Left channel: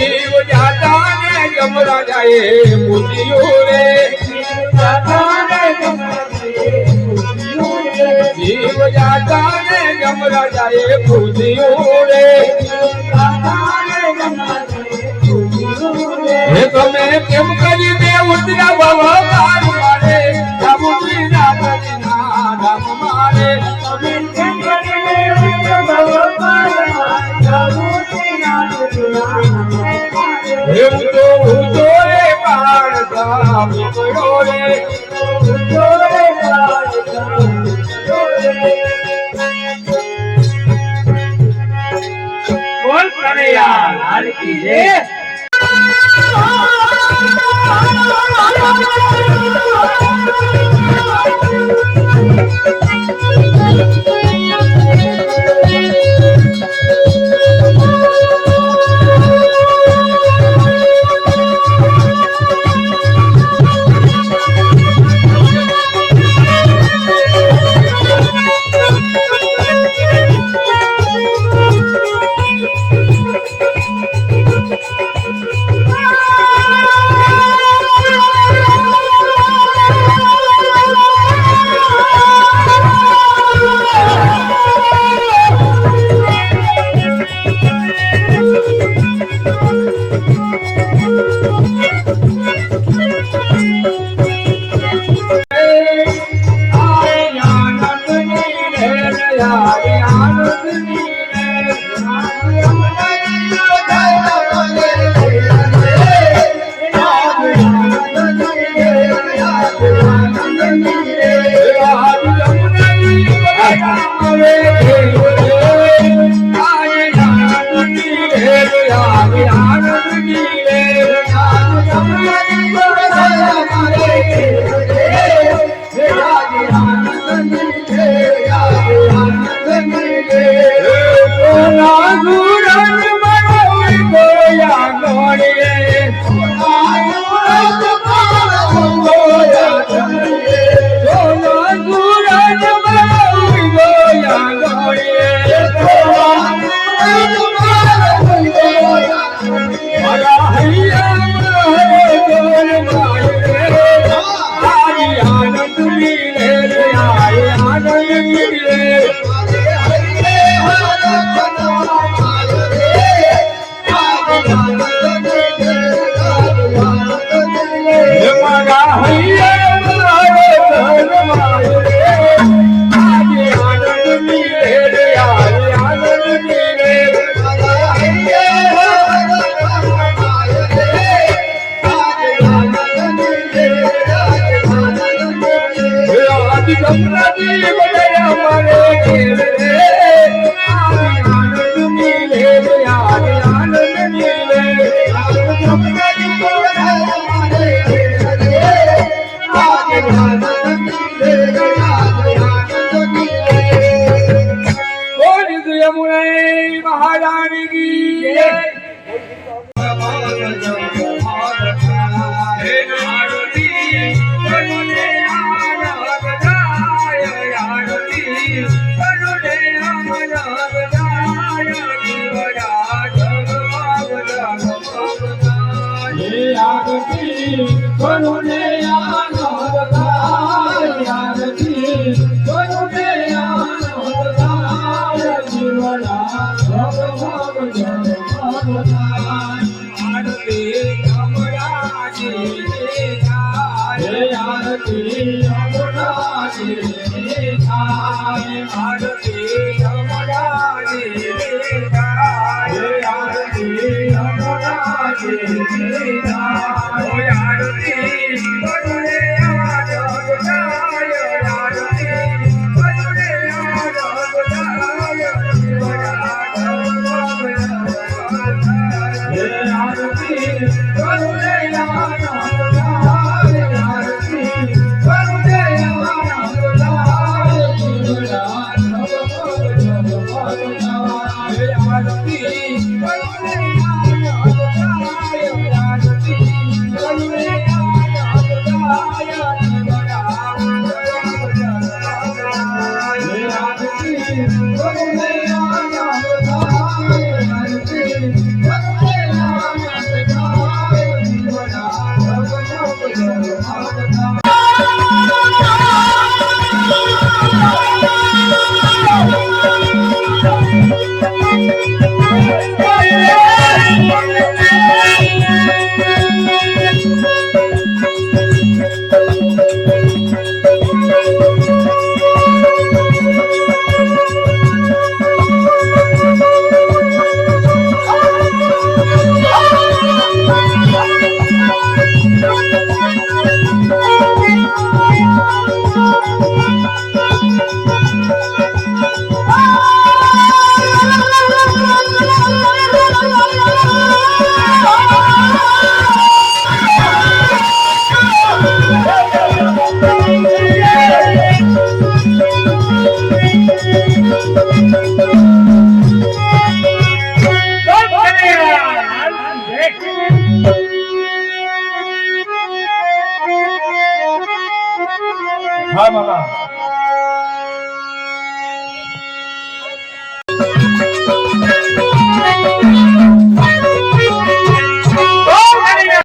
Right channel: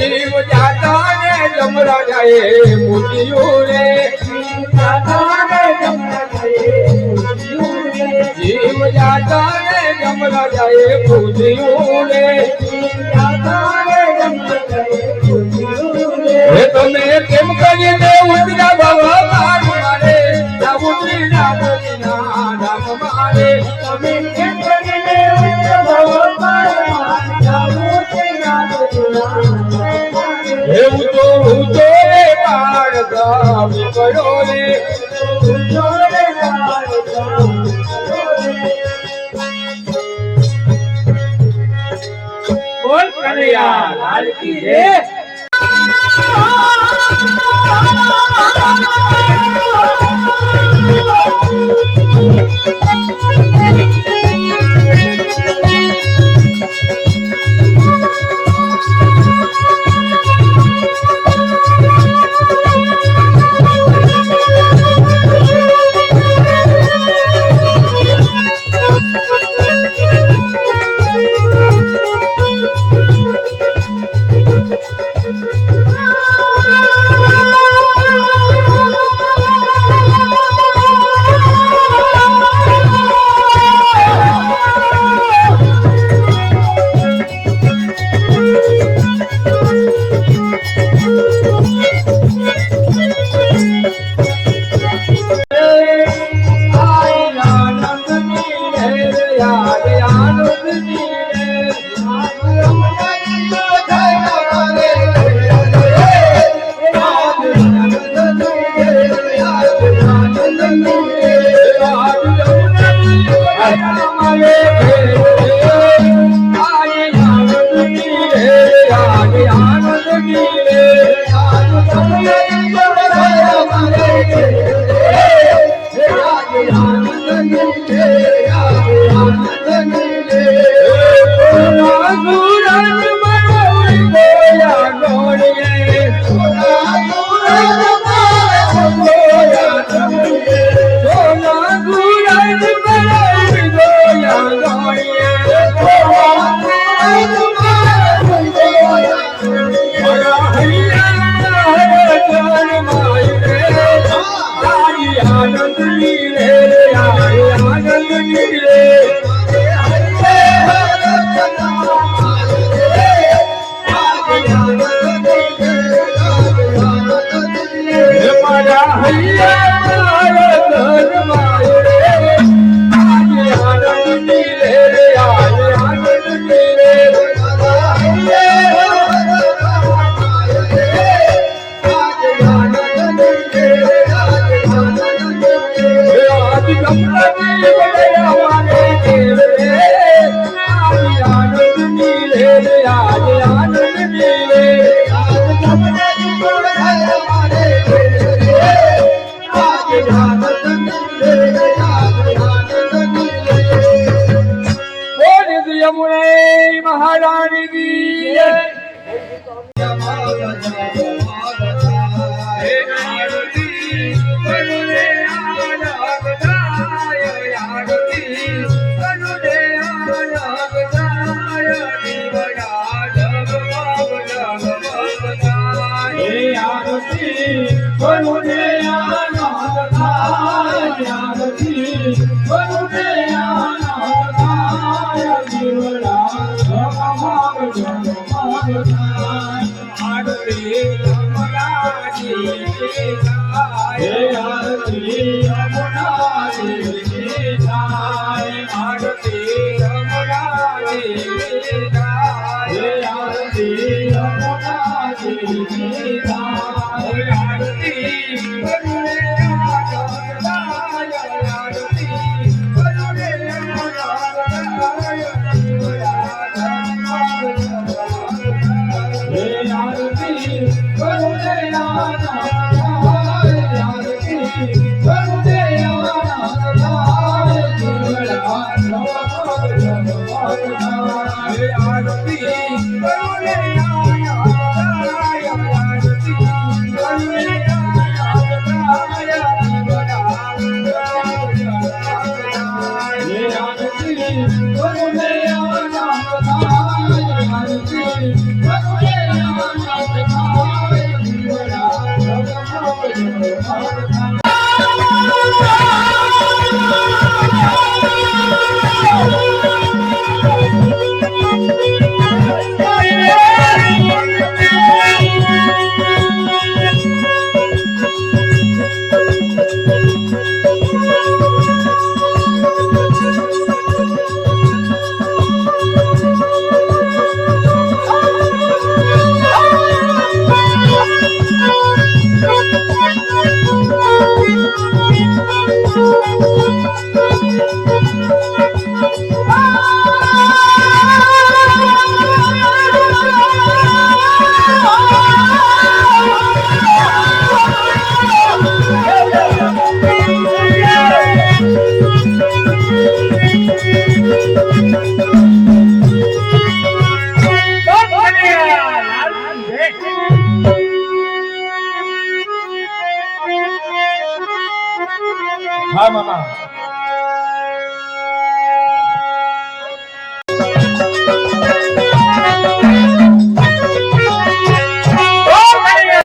जीव जाता ने जमरा जाए मोतियो रे जीव जाता ने जमरा जाए मोतियो रे तो मैं केम करे दे उतरा बाबा मार मारे जब बिना बिना राम मारे मैं केम करे दे उतरा बाबा मार रे पार गाम पड़ो रे बोल प्रणया लाल की जय વરુને આનંદ થાય આરતી વરુને આનંદ થાય જીવડા જગમગ જગમગ થાય આરતી અમરાજી થાય આરતી અમરાજી થાય આરતી અમરાજી થાય આરતી અમરાજી થાય આરતી વરુને આનંદ થાય આરતી વરુને આનંદ થાય જીવડા આરતી વરુને આનંદ થાય આરતી વરુને આનંદ થાય જીવડા જગમગ થાય આરતી વરુને આનંદ થાય આરતી વરુને આનંદ થાય જીવડા આરતી વરુને આનંદ થાય આરતી વરુને આનંદ થાય જીવડા જગમગ થાય હા બાબા